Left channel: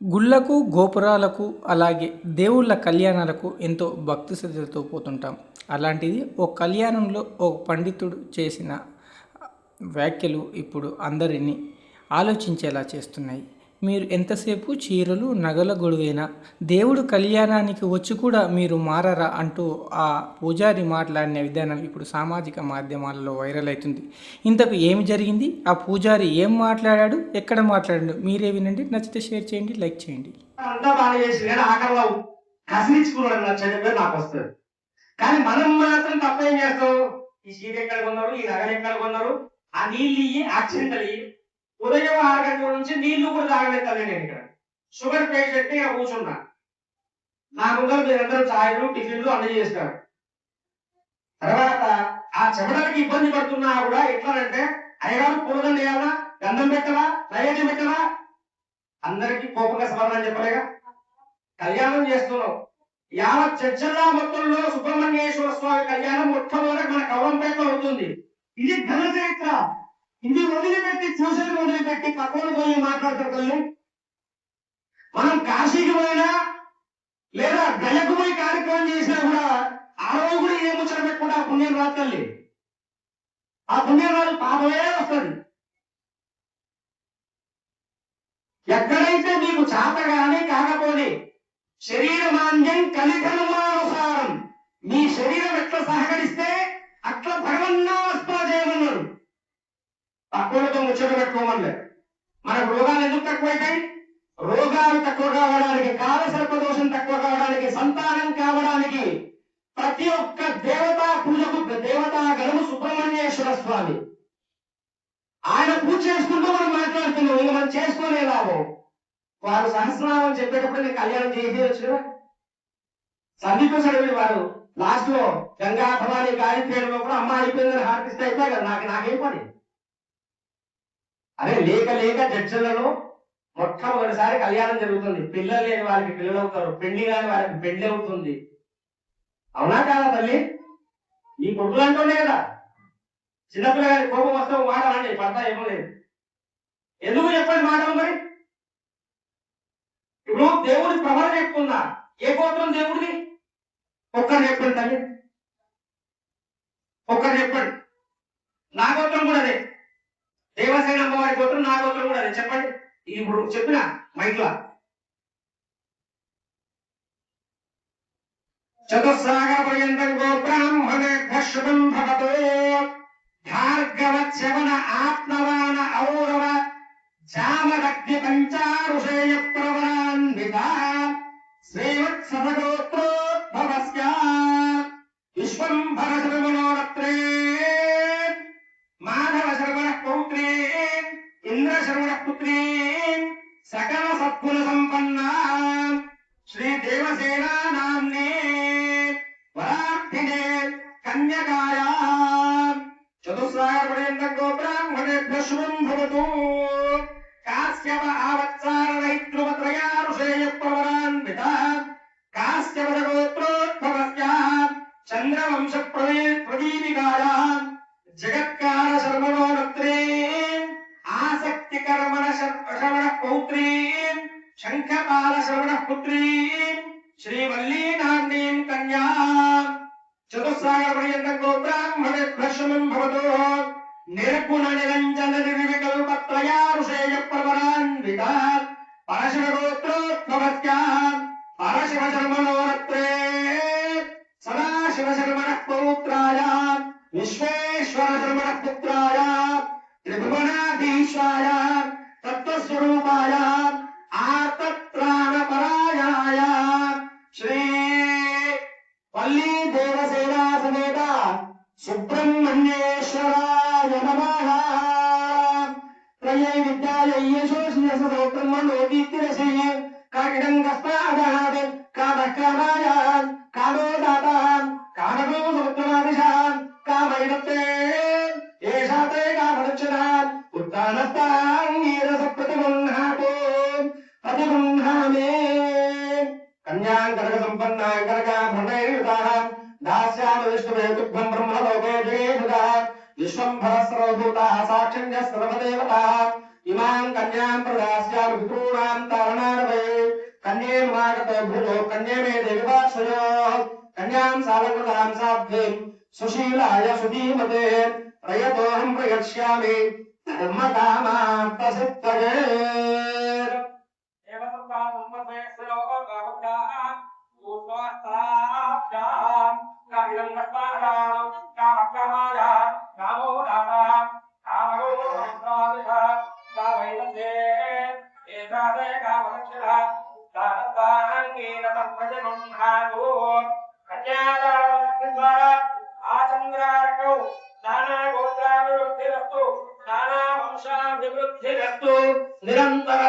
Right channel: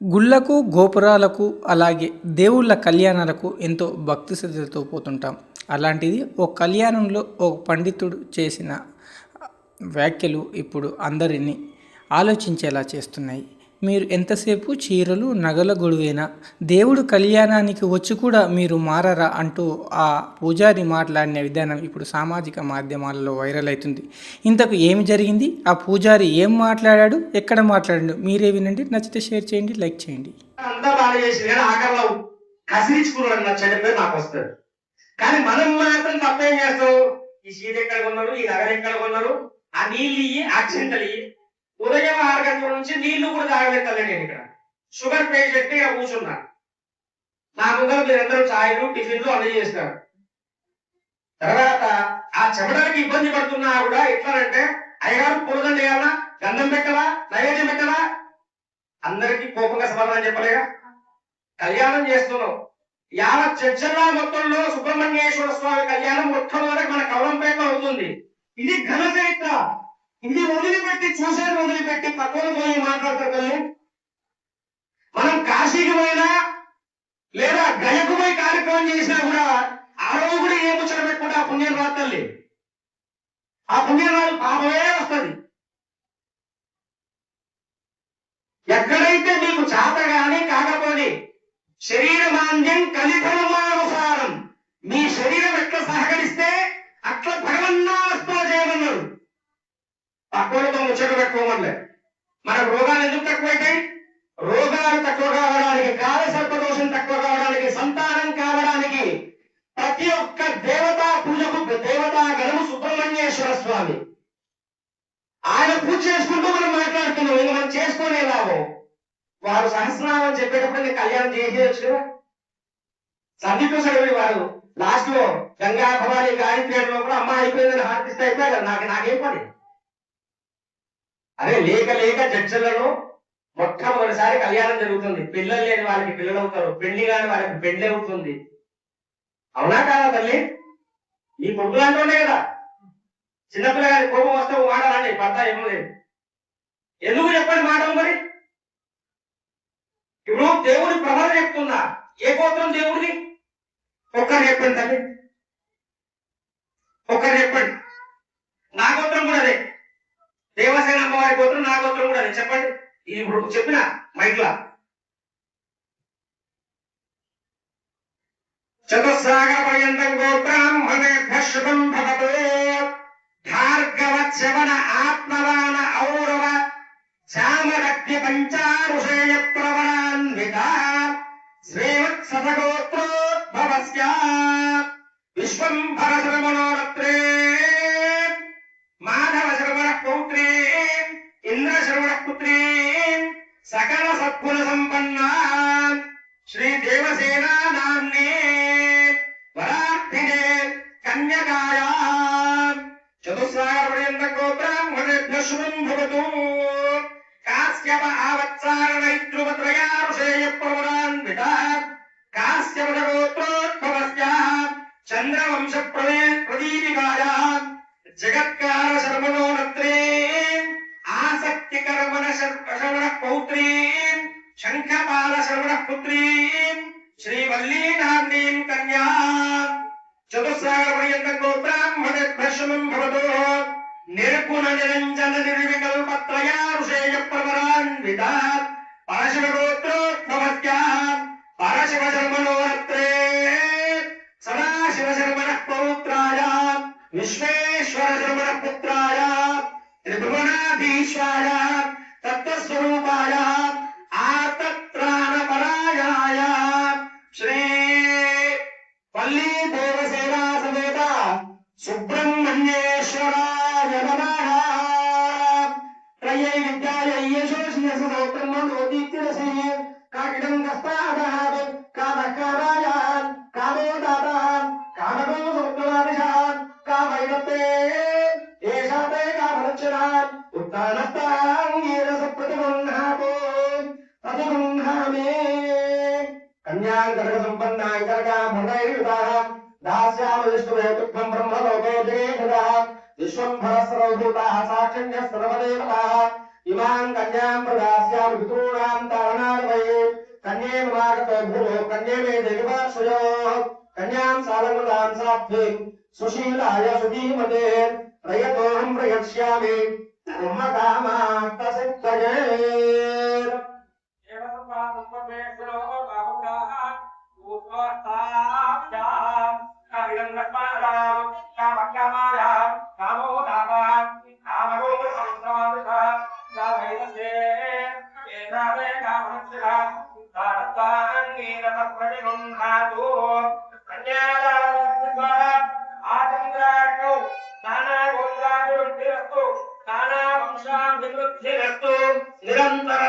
గుళ్ళకు, గోపురాలకు అలాగే దేవుళ్ళ కళ్యాణాలకు ఎంతో భక్తి శ్రద్ధలతో పోతుంటాం. అలాంటిది ఓ కళ్యాణంలో ఓ పండితుడు చేసిన వ్యాఖ్యలు ఇప్పుడు అందరినీ ఆలోచించేలా చేస్తున్నాయి. మీరు ఎంతసేపు చీరలు, నగల గొడువేనా? దేవుడు కళ్యాణానికి వచ్చి కూడా మీరు మారరా అంటూ ఆ పూజారి మాట్లాడిన విధానం ఇప్పుడు సామాజిక మాధ్యమాలలో వైరల్ అవుతుంది. ఇంతకు ఏమి జరిగింది? ఆ పూజారి ఏం మాట్లాడాడు? ఎక్కడ మాట్లాడాడు? మీరే వినండి. నచ్చితే షేర్ చేయండి, లైక్ చేయండి. అంతా బాగా చేసి నేను ఆఖరిలో కసిరించుకున్నాడు నా చెడ్డ పేరు నాకు వస్తుంది. కానీ మనం మాత్రం తప్పేం చేస్తాం? ఈ సీట్ ఎక్కడ కొన్నారు, ఈ నగలు ఎక్కడ కొన్నారు, ఆ నీళ్ళు ఇయ్యి, అక్షింతలు ఇయ్యి. ఉదయం 6 గంటల నుంచి నీళ్లు కూడా తాగబెట్టాలి. నేను ఇక్కడ షుగర్ పేషెంట్ ఇక్కడ కూర్చున్నా. నా ముందర మీరందరూ ఛాయలు, టిఫిన్లు అన్ని చేస్తారు. తర్వాత ఆ చెమటలకి ఇబ్బంది పడుతున్నా కూడా ఎట్లానంటే, అయ్యగారు పూలదండ వేయాలా, గంధం పెట్టాలా, నైవేద్యం పెట్టాలా, అందరికీ కోపంగా సమాధానం చెప్పలేగా. కళ్యాణం చేస్తున్నాం. యావత్ చర్చల్లా మొత్తంలో సుబ్రహ్మణ్యేశ్వర స్వామి కళ్యాణం మొట్టమొదటి మన కవలంపేటలో అవుతుంది. ఇది ఘన చరిత్ర. ఇది వదిలిపెట్టి చూసేది వదిలిపెట్టి పక్కన పోయి మాట్లాడుతుంది. మనం కాశీకి పోయినా లేదా గయకు పోయి కార్యక్రమం చేసినా కూడా ఆ రోజు కూడా ఏ ముచ్చట పెట్టుకుంటే ఆ పుణ్యం రాత్తండి. ఆ పుణ్యం రాదు, పాపమే వస్తుంది. ఎక్కడైతే మీకు చేత గాని కాకపోతే శరీరమాంద్యం కలిఫలమానుసారం, మీ శరీరం ఎట్లా సహకరిస్తే అట్లా భగవన్నామస్మరణ చేయమన్నాడు. పక్కలతో ముచ్చట పెట్టుకోమలే. మనకు రోగాలు ఎందుకు తక్కువైతాయి? రోగాలు తక్కువ కావడానికి, కాలసర్ప దోషం తక్కువ కావడానికి, సంతానం కావడానికి ప్రతి ఒక్క దేవతా పూజకు దేవతా గణము సుబ్రహ్మణ్యేశ్వర స్వామి. ఆయన పూజ చేసుకుంటూ మనం మాట్లాడుతున్నాం. ఇంకా మనం చేసుకునే లాభం. వారు సహస్రనామం చెప్పేటప్పుడు నేను కళ్యాణం చేసేయచ్చు కదా. సందీప్ సడవుడి వారు లాస్ట్ లో గంగా భవాని గాయత్రి కూడా అమ్మ అయిపోయిందని హార్తిస్తే అయిపోయాయి కదా. నాకేం పని? అదే లేక లేక జడ్జిలలో మొట్టమొదటిసారి కళ్యాణం జరుగుతుంది. పిల్లలు లేని వారికి పిల్లలు అవుతారు, పెళ్లి కాని వారికి పెళ్లి అవుతుంది. అవునా కాదా తల్లి? ఈ కొడుకులు అంటూనే కదా. చిన్నపిల్లగారి కోపం వస్తే మాట అండి, పడ్డ ఏమో లేదు. ఎందుకు చెప్పండి మాటలు మరి? ఇప్పుడు దేవుడి ప్రవర చెప్తుందా? ఏ గోత్రం దేవుడిది? ఒక్కరు చెప్పండి తల్లి, ఒక్కరు చెప్పండి. నా గోత్రం కూడా అదే. దేవసేన అమ్మవారి గోత్రం నా గోత్రం కూడా అదే. చెప్పండి. ఇది ఇప్పుడు చెప్పిన మైక్లా. చతుస్సాగర పర్యంతం గోబ్రాహ్మణేభ్యః శుభం భవతు. భార్గవశ్రవణ ఆత్మవాన ఔరవ చామరగ్ని పంచారుషేయ ప్రవరాన్విత శ్రీవత్సగోత్రోద్భవస్య విశ్వంభర శర్మణోరత్రే మాధవ శర్మణ పౌత్రే ఇంద్ర శర్మణ పుత్రే సకల సద్గుణ సంపన్నా శ్రీ దేవసేనా నామ్నే వరార్థినే కన్యకాయా చతుస్సాగర పర్యంతం గోబ్రాహ్మణేభ్యః శుభం భవతు. కాశ్యప ఆవత్సారణైత్రువత్రయారుషేయ ప్రవరాన్విత కాశ్యప గోత్రోద్భవస్య చంద్రవంశ ప్రదీపికాయా జగత్కార శర్మణోరత్రే ఆసక్తి కర్మణ శ్రవణ పౌత్రీ శంఖపాల శ్రవణ పుత్రీ శ్రీవల్లీ నామ్నీం కన్యా చతుస్సాగర పర్యంతం గోబ్రాహ్మణేభ్యః శుభం భవతు. నిర్గుణ నిరంజన నిర్వికల్పత్రయారుషేయ ప్రవరాన్విత పరశివ గోత్రోద్భవస్య పరశివ శర్మణోరత్రే సదాశివ శర్మణ పౌత్రాయ విశ్వేశ్వర శర్మణ పుత్రాయ త్రిభువనాధీశాయ తత్వస్వరూపాయ ఆర్తత్రాణపరాయణాయ శ్రీ వల్లీ దేవసేనా సమేత సుబ్రహ్మణ్యేశ్వరాయ నమః. త్రయై విద్యాయై యశోస్య సోత్రమోదీప్తిరసి కాకిడం కస్పాదః కామః కామాయ కామో దాతః కామకో సముద్రమాదిశాం కామైనతే ఏషాతే కామరక్షణాం ఉత్తానస్తాంగీరస ప్రతిబంధాతో ప్రతిబంధామే కన్యాం కనక సంపన్నాం కనకాభరణైర్యుతాం దాస్యామి విష్ణువే తుభ్యం బ్రహ్మలోకే జగేషుతాః విశ్వంభర సర్వభూతాః సాక్షిణ్యः సర్వదేవతాః ఇమాం కన్యాం ప్రదాస్యామి పితॄణాం తారణార్వయే भूतो कन्ये मे देवाश्रयोः कन्यां सावकृतां साध्वीं सुशीलाय सुधीमते प्रयतोऽहं प्रयच्छामि ब्रह्मकामार्थसिद्धये నిరంతర